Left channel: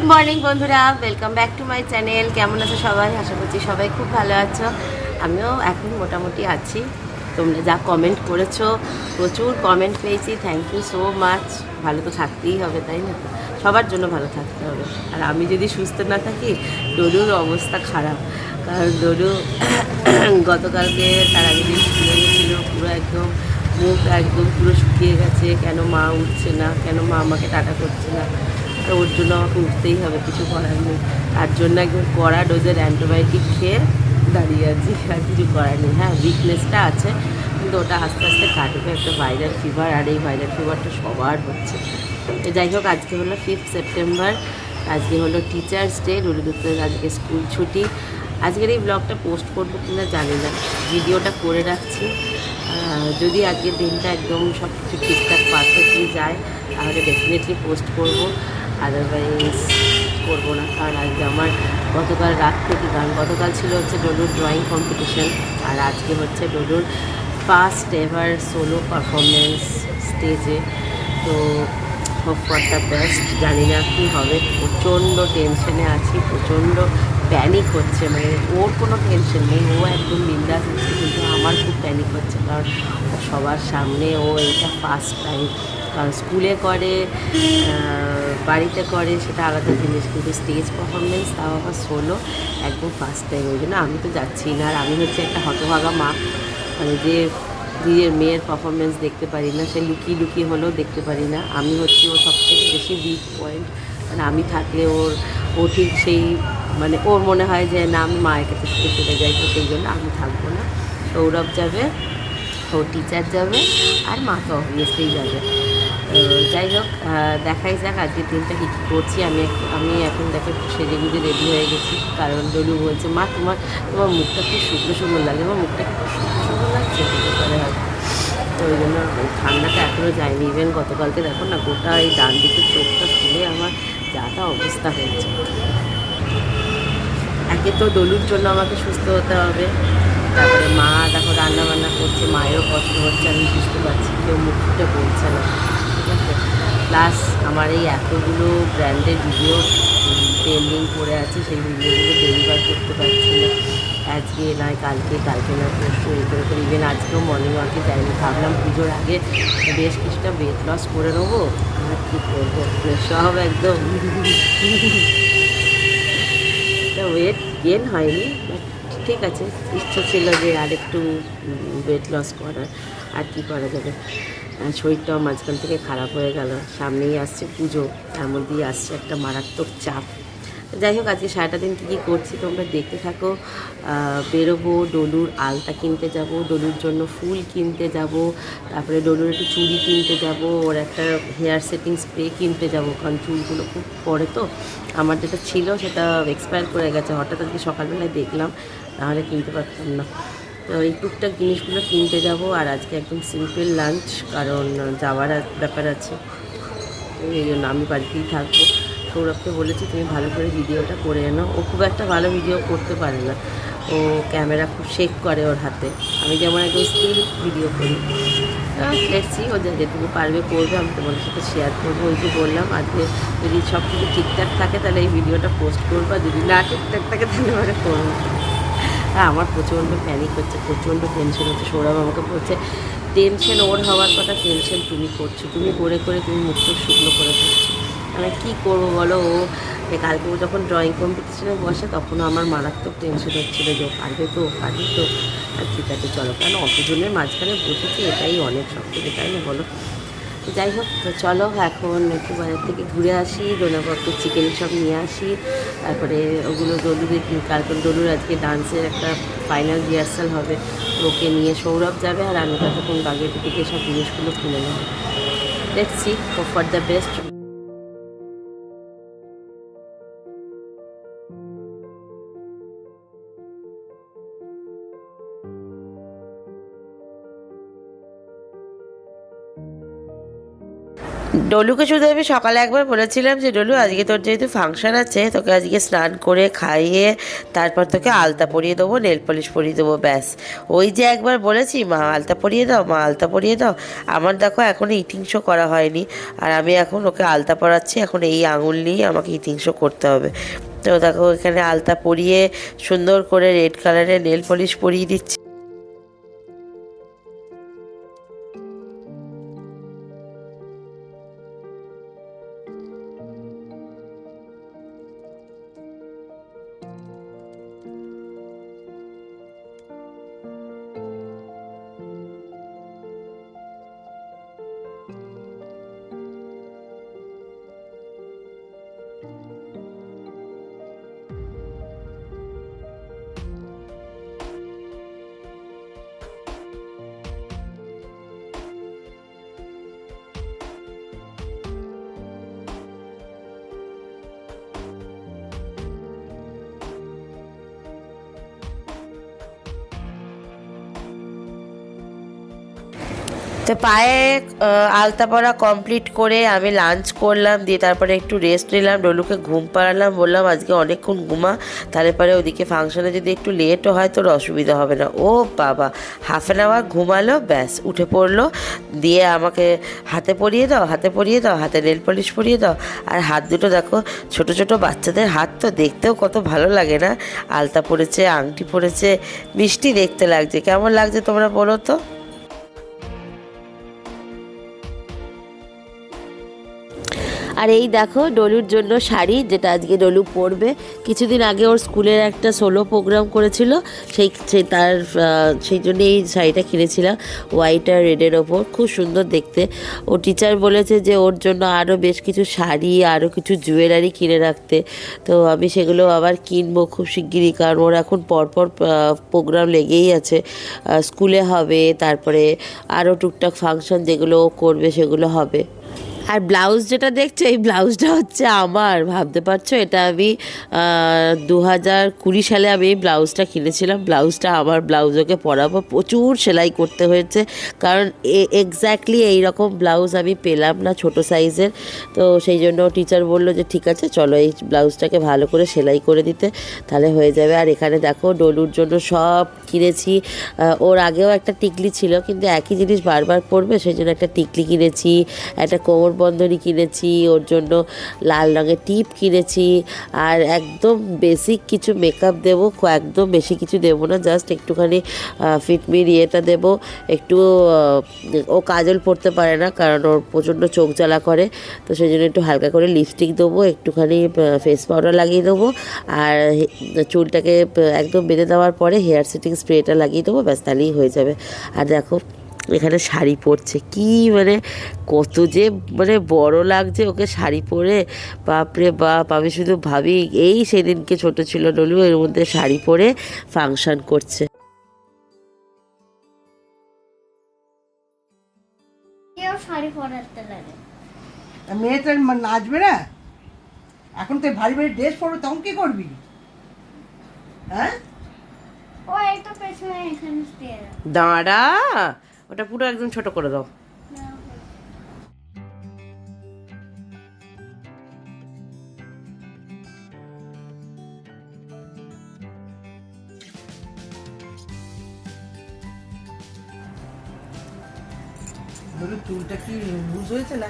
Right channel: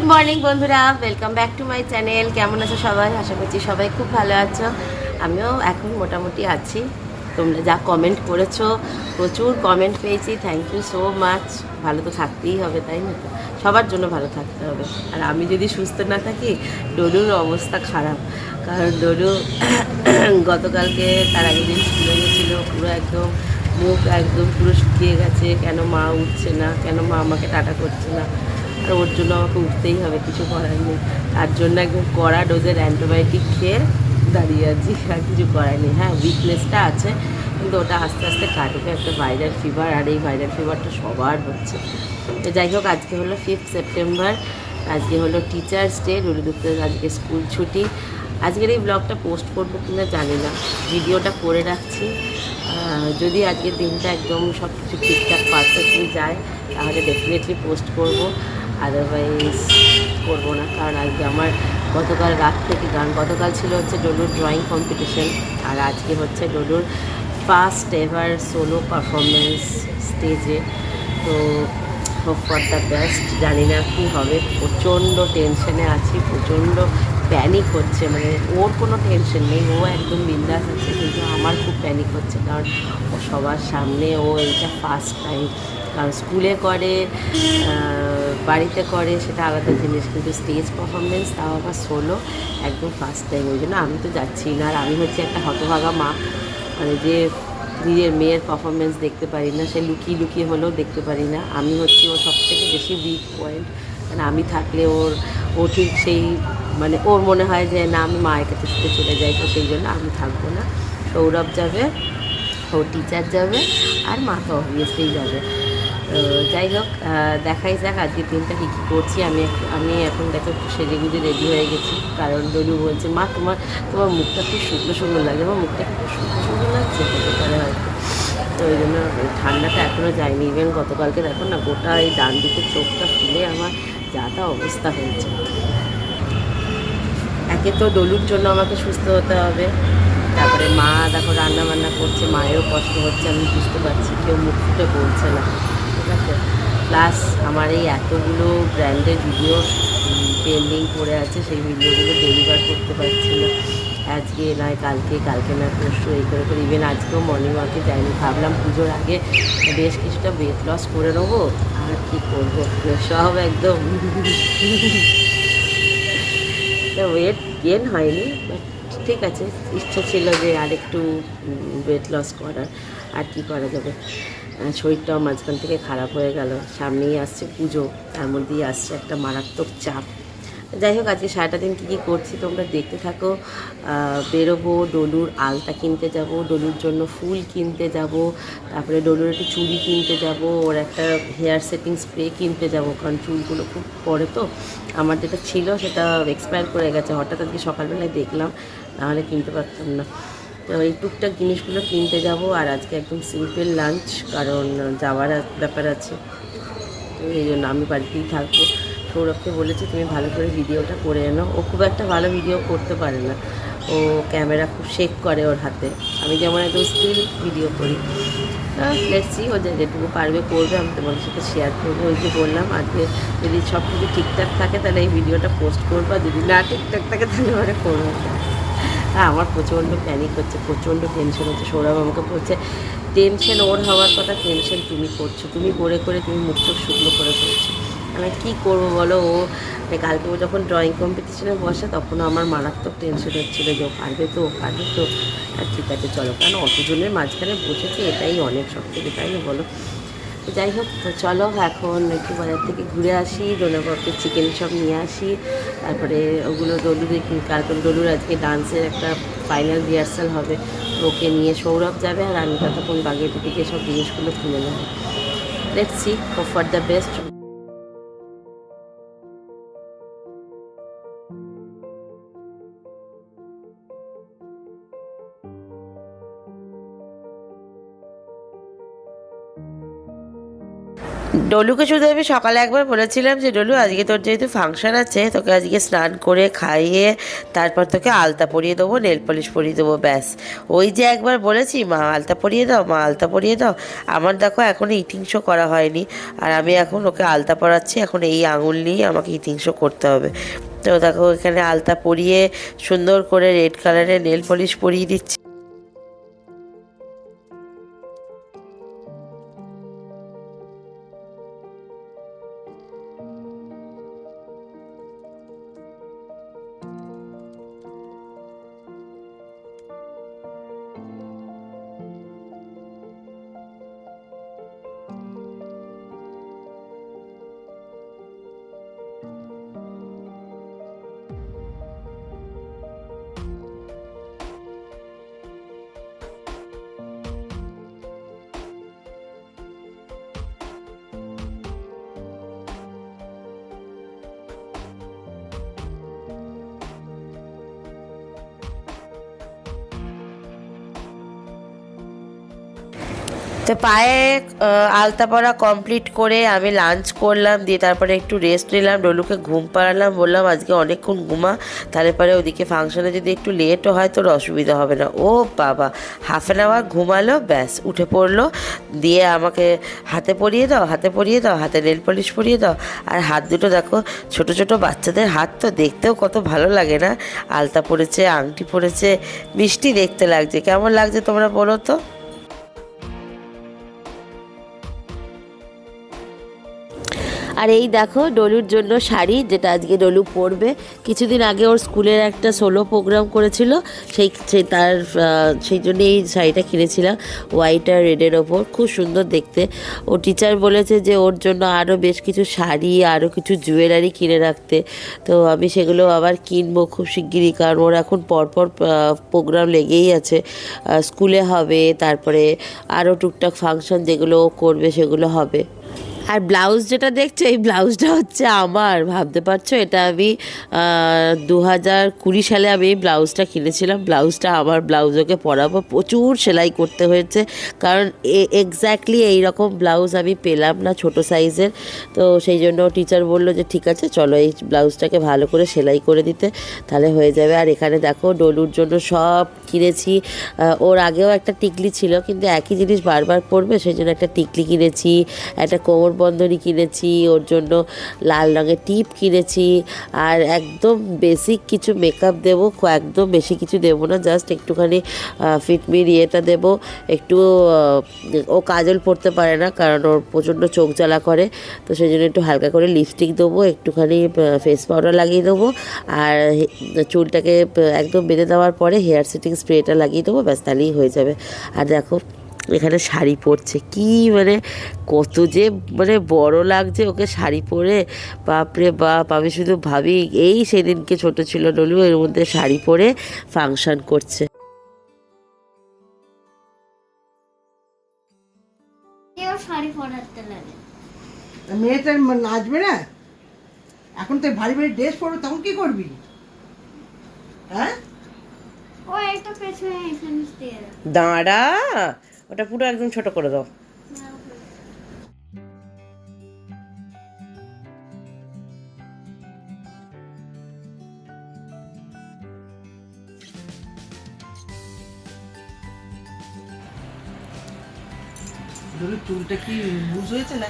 Good morning বন্ধুরা। Welcome back to my channel কেমন আছো সবাই? আশা করছি সবাই খুব ভালো আছো। আমিও এখন মোটামুটি আছি। তোমরা যা কমেন্ট করেছ, প্রচুর কমেন্ট পেয়েছি। থ্যাংক ইউ সো মাচ ভালো তো থাকতেই হবে, তাই না? সবার জন্য ভালো থাকতে হবে। আর আমি যদি সুস্থ না থাকি ডলুর অবস্থা খারাপ। কারণ ডলু গতকালকে তার আগের দিন স্কুলে গেছিল। পুরো একদম মুখ একদম পুরো শুকিয়ে গেছে। কেন মা উঠছে না? কেন মা আমাকে টাটা করছে না? আর ওর জন্য আমাকে উঠতেই হবে, কিছু করার নেই। তার জন্য একদম কড়া ডোজের অ্যান্টিবায়োটিক খেয়ে দাঁড়িয়ে আছি, আর কিছু করার নেই। হ্যাঁ উইকনেসটা আছে, কিন্তু ওটা আস্তে আস্তে কাটবে, একটা ভাইরাল ফিভার আর এই ভাইরাল ফিভারটা সবার হচ্ছে। যাই হোক, আজকে হলো ফিফথ সেপ্টেম্বর আজকে হলো টিচার্স ডে রুলিদুত্তের আজকে স্কুল ছুটি। আজকের এই ব্লগটা পোস্ট করব কিনা জানি না, ভিডিওটা করে রাখছি। যদি আজকের দিনটা একদম সব কিছু ঠিকঠাক পারফেক্টলি যায়, তাহলে ডেফিনেটলি পোস্ট করব। আদারওয়াইজ করব না। কারণ আজকে আমার গতকাল রাত থেকে গান, গতকাল ছিল হচ্ছে ডলুর ড্রয়িং কম্পিটিশন আর আজকে হচ্ছে ডলুর ফার্স্ট এভার সোলো পারফরমেন্স স্টেজে তো হোপ ফর দ্য বেস্ট জানি না কী হবে। প্রচণ্ড টেনশনে আছি, প্রচণ্ড প্যানিক হচ্ছে। মানে ওর কোনো টেনশন নেই। ও একদম বিন্দাস আছে, কিন্তু আমার খুব প্যানিক হচ্ছে। কারণ ও সবার সামনে ও এইটা ফার্স্ট টাইম কারণ স্কুলে করে বাড়িতে করে, সেটা আলাদা জিনিস। কিন্তু স্টেজ পারফরমেন্স তাও আবার সোলো একদম ফার্স্ট টাইম ওই জন্য আমি তো যাচ্ছি না। আর আমি হচ্ছে একটা হতভাগা মা। মানে যে নিজের মেয়ের পারফরমেন্স দেখতে পারি না, সে লুকিয়ে লুকিয়ে হলেও দেখতে পারি না। আমি হচ্ছি ওর সব থেকে বেশি উইক পয়েন্ট মানে আমি থাকলে ওর, ও ঠিক সেই মানে ওর মনে হয় যে না, আমি মায়ের কাছে ছুটে চলে যাই, তো সেই জন্য আমি থাকব না। সৌরভ যাবে ও টিচার যাবে, আর মা তো অবভিয়াসলি যাবে। যাই হোক দেখাই যাক আজকের দিনটা কী কী করছি। আমি আমি এখন দেখো একটু সেজে গুজে রেডি হয়ে গেছি। কারণ ডলু বলছে, মা, তোমার তোমার মুখটা খুব শুকনো শুকনো লাগে। আমার মুখটা কি খুব শুকনো শুকনো লাগছে? হতে পারে হয়তো। তো ওই জন্য মানে ঠান্ডাটা এখনও যায়নি। ইভেন গতকালকে দেখো না, গোটা এই ডান দিকের চোখটা ফুলে আমার যা তা অবস্থা হয়েছে। একে তো ডলুর জন্য আমাকে সুস্থ হতে হবে। তারপরে মা দেখো রান্না বান্না করছে। মায়েরও কষ্ট হচ্ছে, আমি বুঝতে পারছি। কেউ মুখ ফুটে বলছে না। আছে। প্লাস আমার এই এতগুলো ব্র্যান্ডের ভিডিও পেন্ডিং পড়ে আছে, সেই ভিডিওগুলো ডেলিভার করতে পারছি না। আজকে নয় কালকে কালকে না, পরশু এই করে করে। ইভেন আজকেও মর্নিং ওয়াকে যাইনি। ভাবলাম পুজোর আগে বেশ কিছুটা ওয়েট লস করে নেব। আর কী করব? সব একদম। ওয়েট গেন হয়নি বাট ঠিক আছে। ইচ্ছা ছিল যে আরেকটু ওয়েট লস করার। আর কি করা যাবে? শরীরটাও মাঝখান থেকে খারাপ হয়ে গেল। সামনেই আসছে পুজো, তার মধ্যেই আসছে একটা মারাত্মক চাপ। যাই হোক, আজকে সারাটা দিন কী কী করছি তোমরা দেখতে থাকো। বেরোবো, ডলুর আলতা কিনতে যাব, ডলুর জন্য ফুল কিনতে যাব, তারপরে ডলুর একটু চুড়ি কিনতে যাব, ওর একটা হেয়ার সেটিং স্প্রে কিনতে যাব, কারণ চুলগুলো খুব পড়ে তো। আমার যেটা ছিল সেটা এক্সপায়ার করে গেছে। হঠাৎ আজকে সকালবেলায় দেখলাম, নাহলে কিনতে পারতাম না। এই টুকটাক জিনিসগুলো কিনতে যাব আর আজকে একদম সিম্পল লাঞ্চ কারণ যাওয়ার ব্যাপার আছে। তো এই জন্য আমি বাড়িতেই থাকব। সৌরভকে বলেছি, তুমি ভালো করে ভিডিওটা করে এনো ও খুব একটা ভালো ভিডিও করতে পারে না। ও ক্যামেরা খুব শেক করে ওর হাতে। আমি যেমন একদম স্টিল ভিডিও করি। দেখছি ও যেটুকু পারবে করবে, আমি তোমাদের সাথে শেয়ার করব। ওই যে বললাম, আজকে যদি সব কিছু ঠিকঠাক থাকে, তাহলে এই ভিডিওটা পোস্ট করব। আর যদি না ঠিকঠাক থাকে, তাহলে পরে করব। হ্যাঁ আমার প্রচণ্ড প্যানিক হচ্ছে, প্রচণ্ড টেনশন হচ্ছে। সৌরভ আমাকে বলছে টেনশন ওর হওয়ার কথা টেনশন তুমি করছ। তুমি করে করে তুমি মুখ চোখ শুকনো করে ফেলছো। মানে কী করব বলো ও? কালকে ও যখন ড্রয়িং কম্পিটিশনে বসে, তখনও আমার মারাত্মক টেনশন হচ্ছিল যে, ও পারবে তো, ও পারবে তো? ঠিক আছে, চলো। কারণ অতজনের মাঝখানে বসেছি, এটাই অনেক সব থেকে তাই না বলো? তো যাই হোক, তো চলো এখন একটু বাজার থেকে ঘুরে আসি ডোনাবাবকে চিকেন সব নিয়ে আসি। তারপরে ওগুলো দলুর কালকে ডলুর আজকে ডান্সের একটা ফাইনাল রিহার্সাল হবে। ওকে নিয়ে সৌরভ যাবে আর আমি ততক্ষণ বাগের দিকে সব জিনিসগুলো কিনে নেব। দেখছি ফর দ্য বেস্ট ডলুকে শুধু আমি সকালে একবার বলেছিলাম যে, ডলু, আজকে তোর যেহেতু ফাংশন আছে, তোকে আজকে স্নান করে খাইয়ে তারপর তোকে আলতা পরিয়ে দেবো, নেল পলিশ পরিয়ে দেবো, ব্যাস। ওই যে একবার বলেছি, মা, আলতা পরিয়ে দাও, মা, আলতা পরিয়ে দাও। আমার দেখো এখনও ইটিং শো করা হয়নি, আর আমি এখন ওকে আলতা পরাচ্ছি, এখন এই আঙুল নিয়ে আমাকে ইটিং শো করতে হবে। তো দেখো এখানে আলতা পরিয়ে সুন্দর করে রেড কালারের নেল পলিশ পরিয়ে দিচ্ছি। তো পায়ে আলতা পরা কমপ্লিট করে আমি লাঞ্চ করলাম, দিয়ে তারপরে একটু রেস্ট নিলাম, ডলুকে ঘুম পাড়ালাম, বললাম আজকে অনেকক্ষণ ঘুমা, তাহলে পরে ওদিকে ফাংশনে যদি একটু লেটও হয় তোর অসুবিধা হবে না। ও বাবা হাফ অ্যান আওয়ার ঘুমালো, ব্যাস, উঠে পড়ল, দিয়ে আমাকে হাতে পরিয়ে দাও, হাতে পরিয়ে দাও, হাতে নেল পলিশ পরিয়ে দাও, আর হাত দুটো দেখো, ছোট ছোট বাচ্চাদের হাত তো দেখতেও কত ভালো লাগে না? আলতা পরেছে আংটি পরেছে মিষ্টি দেখতে লাগছে, কেমন লাগছে তোমরা বলো তো? আর এই দেখো ডলুর জন্য শাড়ি, যেটা আজকে ডলু পরবে। কিছুদিন আগে ওর স্কুলের একটা সোলো প্রোগ্রাম করেছিল, সেই তার সেই জন্য এই শাড়িটা কিনেছিলাম হোয়াইট আর রেডের ওপর। খুব সুন্দর দেখতে। ও টিচার বলেছে যে ওর জন্য আরও বেশ কিছু শাড়ি আরও কিছু জুয়েলারি কিনে রাখতে। তো আমি সেগুলো আবার কিনবো খুব শিগগিরই, কারণ ওর এখন পরপর প্রোগ্রাম লেগেই আছে। স্কুলে হবে, তারপরে আরও টুকটাক ফাংশন যেগুলো করবে সেগুলো হবে। আর ব্লাউজ যেটা দেখছ, এই ব্লাউজটা হচ্ছে আমার। ভাবতে পারছ, এটা আমি দু হাজার কুড়ি সালে আমি এই ব্লাউজটা কিনেছিলাম। ব্লাউজটা আমার ব্লাউজ ওকে পরাবো। প্রচুর সেলাই করতে হয়েছে। কারণ এক্স্যাক্টলি এই রকম ব্লাউজ আমি পেলাম না ছোট সাইজের। তো সেই জন্য টিচার বলল যে, ঠিক আছে, চলো এই ব্লাউজটাকে ভালো করে সেলাই করে দিতে। তাহলে হয়ে যাবে। আর এখানে দেখো, ডলুর জন্য সব কিনেছি। ওর আগেও একটা টিকলি ছিল, কিন্তু একই জিনিস বারবার পরবে, সেই জন্য একটা টিকলি কিনেছি, একটা কোমর বন্ধনী কিনেছি, ওর জন্য লাল রঙের টিপ কিনেছি, আর একদম বেসিক কিছু মেকআপ দেবো একদম বেশি কিছু দেবো না জাস্ট একটুখানি ফিটমির ইয়েটা দেবো, একটু ও কাজল পরতে পারে না, কারণ ওর প্রচণ্ড চোখ জ্বালা করে, তো সেই জন্য একটু হালকা করে লিপস্টিক দেবো, একটুখানি ফেস পাউডার লাগিয়ে দেবো, আর চুলটাকে একদম বেঁধে দেওয়ার পরে হেয়ার সেটিং স্প্রেটা লাগিয়ে দেবো, ব্যাস, তাহলেই হয়ে যাবে, আর দেখো এখানে শাড়ি পরছে। কি মানে কত যে মানে বড় লাগছে ওকে শাড়ি পরে। বাপরে বাপ আমি শুধু ভাবি এই সেদিনকে ছোট ছিল ডলু এর মধ্যে শাড়ি পরে ফাংশন করছে। কেউ শাড়ি পরাতে লাগে। তা মেয়েটা নাচবে না? এখন তো ভারী ভারী ড্রেস পরবে তখন কি করবি? হ্যাঁ। দাঁড়া ওটা পুরো একদম ছোট করে দাও। তুলটা কি লুজ হয়েছে না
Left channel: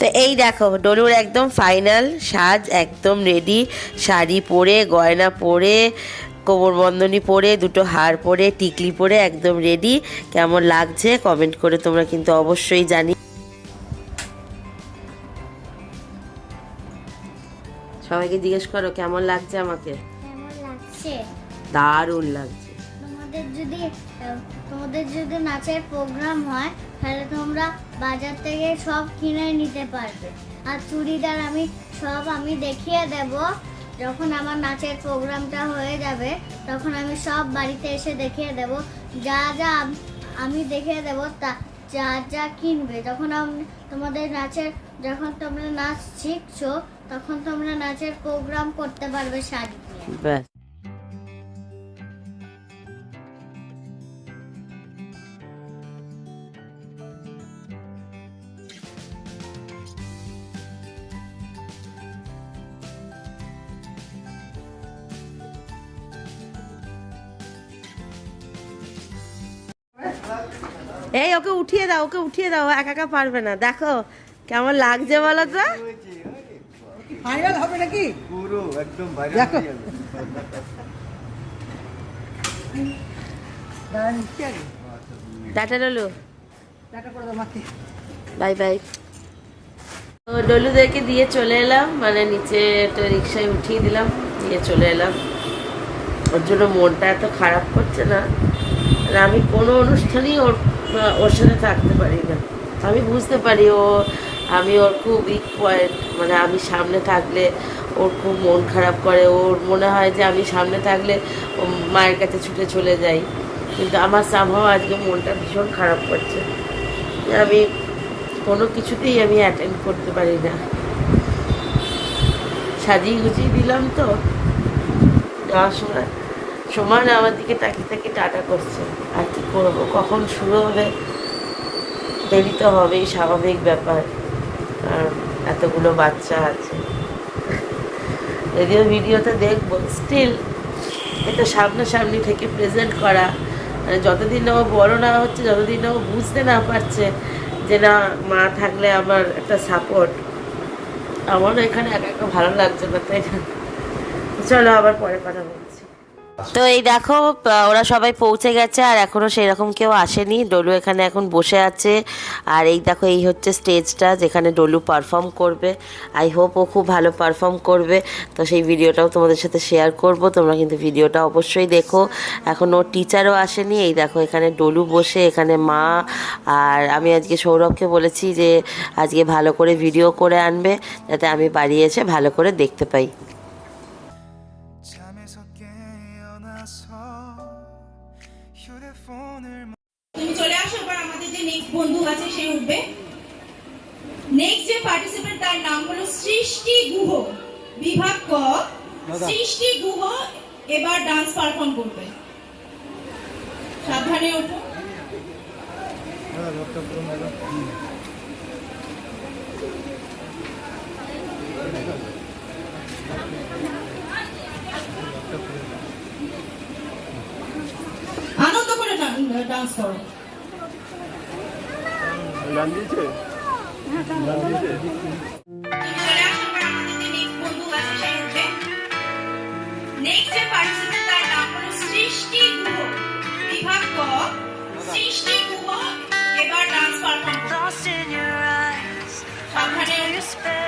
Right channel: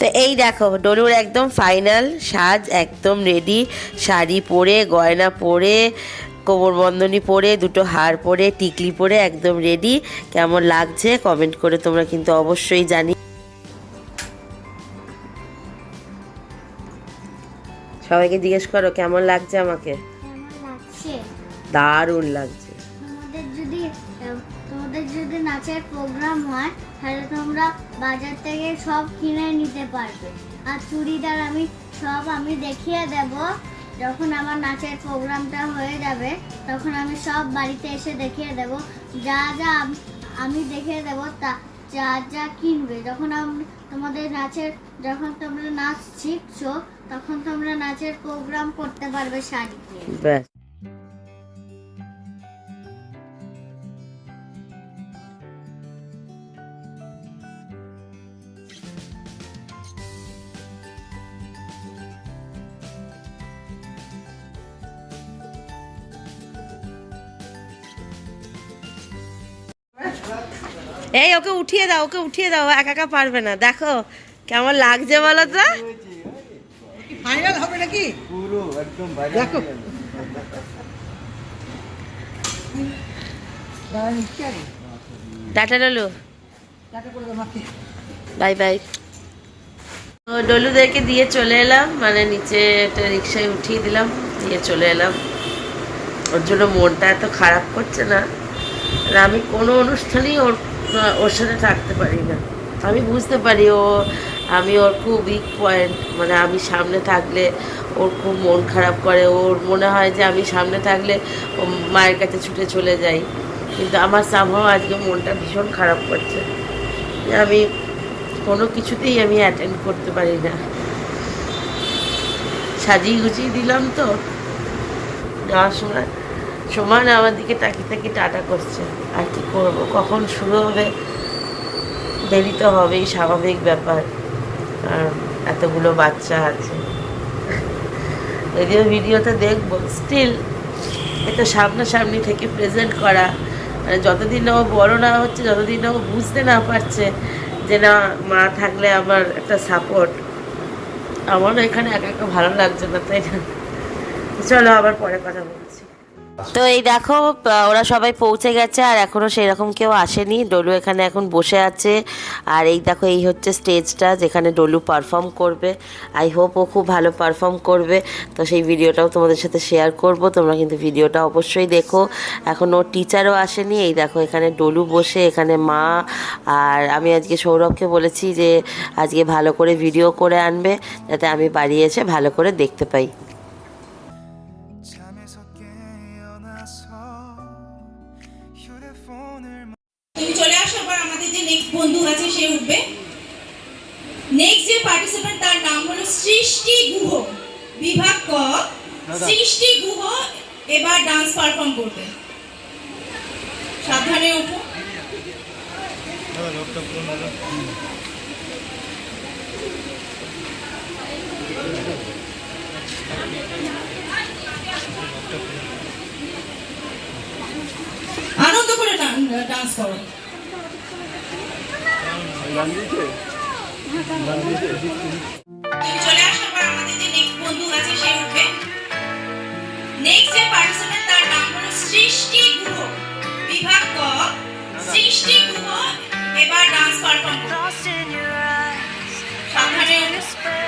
তো এই দেখো ডলুর একদম ফাইনাল সাজ একদম রেডি শাড়ি পরে গয়না পরে কোমরবন্ধনী পরে দুটো হার পরে টিকলি পরে একদম রেডি কেমন লাগছে কমেন্ট করে তোমরা কিন্তু অবশ্যই জানি। সবাইকে জিজ্ঞেস করো কেমন লাগছে আমাকে? দারুণ লাগছে। যদি তোমাদের যদি নাচের প্রোগ্রাম হয়, তাহলে তোমরা বাজার থেকে সব কিনে নিতে পারবে। আর চুড়িদার আমি সব আমি দেখিয়ে দেব। যখন আমার নাচের প্রোগ্রামটা হয়ে যাবে, তখন আমি সব বাড়িতে এসে দেখিয়ে দেব। যা যা আমি দেখিয়ে দেব, তা যা যা কিনবে। যখন তোমাদের নাচের, যখন তোমরা নাচ শিখছো, তখন তোমরা নাচের প্রোগ্রাম করতে পারবে শাড়ি এই ওকে উঠিয়ে দাও ওকে উঠিয়ে দাও একা একা পারবে না। দেখো কেমন লাগছে বলো তো? ফাইনাল হবে নাকি? পুরো একদম বাইরে দেখো। যাবে। দাঁড়া, নিচ্ছি আগে। টাটা ডলু। Bye bye. তো ডলুদেরকে দিয়ে চলে এলাম মানে নিচে একটা রিক্সায় উঠিয়ে দিলাম দিয়ে চলে এলাম। ওর জন্য মনটা এত খারাপ করছে না। আর আমি কোনো অনুষ্ঠানেই ওর ওর সাথে থাকতে পারি না। আমি বুঝতে পারি ও, আমি ওর খুব উইক পয়েন্ট মানে আমি সামনে থাকলে ওর খুব মন খারাপ করে। ওর মনে হয় যে আমি সামনে থাকলে মায়ের কাছে ছুটে চলে যাই। কিন্তু আমার সামহাও আজকে মনটা ভীষণ খারাপ করছে। আমি কোনো কিছুতেই আমি অ্যাটেন্ড করতে পারি না। সাজিয়ে গুছিয়ে দিলাম তো। যাওয়ার সময় সমান আমার দিকে তাকিয়ে তাকিয়ে টাটা করছে। আর কি করব? কখন শুরু হবে? দেরি তো হবেই, স্বাভাবিক ব্যাপার। কারণ এতগুলো বাচ্চা আছে। যদিও ভিডিওতে দেখব স্টিল এটা সামনাসামনি থেকে প্রেজেন্ট করা। মানে যতদিন না ও বড় না হচ্ছে, যতদিন না ও বুঝতে না পারছে যে না, মা থাকলে আমার একটা সাপোর্ট আমারও এখানে একা একা ভালো লাগছে না, তাই না? চলো আবার পরে কথা বলছি তো এই দেখো ওরা সবাই পৌঁছে গেছে আর এখনও সেরকম কেউ আসেনি। ডলু এখানে এখন বসে আছে। আর এই দেখো, এই হচ্ছে স্টেজটা যেখানে ডলু পারফর্ম করবে। আই হোপ ও খুব ভালো পারফর্ম করবে। তো সেই ভিডিওটাও তোমাদের সাথে শেয়ার করব। তোমরা কিন্তু ভিডিওটা অবশ্যই দেখো। এখন ওর টিচারও আসেনি। এই দেখো, এখানে ডলু বসে, এখানে মা আর আমি আজকে সৌরভকে বলেছি যে, আজকে ভালো করে ভিডিও করে আনবে, যাতে আমি বাড়ি এসে ভালো করে দেখতে পাই। গুহ। বিভাগ ক সৃষ্টি গুহ এবার ডান্স পারফর্ম করবে। সাবধানে উঠো আনন্দ করে ডান্স করো। গান দিয়েছে? গান দিয়েছে? সৃষ্টি গুহ এবার ডান্স পারফর্ম করবে Lost in your eyes, সাবধানে under your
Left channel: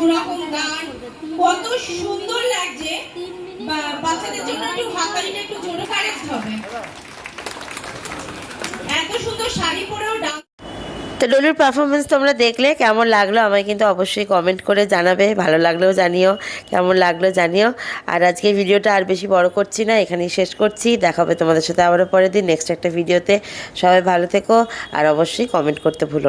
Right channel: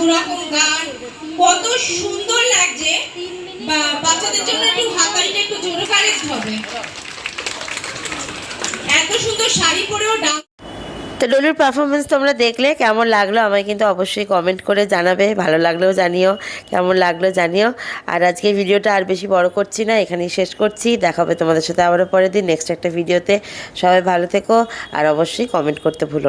দুরকম গান কত সুন্দর লাগছে। বাচ্চাদের জন্য একটু একটু জোরে হবে। এত সুন্দর শাড়ি পরেও তো ডলুর পারফরমেন্স তোমরা দেখলে, কেমন লাগল আমায় কিন্তু অবশ্যই কমেন্ট করে জানাবে, ভালো লাগলেও জানিও, কেমন লাগল জানিও। আর আজকে ভিডিওটা আর বেশি বড় করছি না, এখানেই শেষ করছি। দেখাবে তোমাদের সাথে আবারও পরের দিন নেক্সট একটা ভিডিওতে। সবাই ভালো থেকো, আর অবশ্যই কমেন্ট করতে ভুলো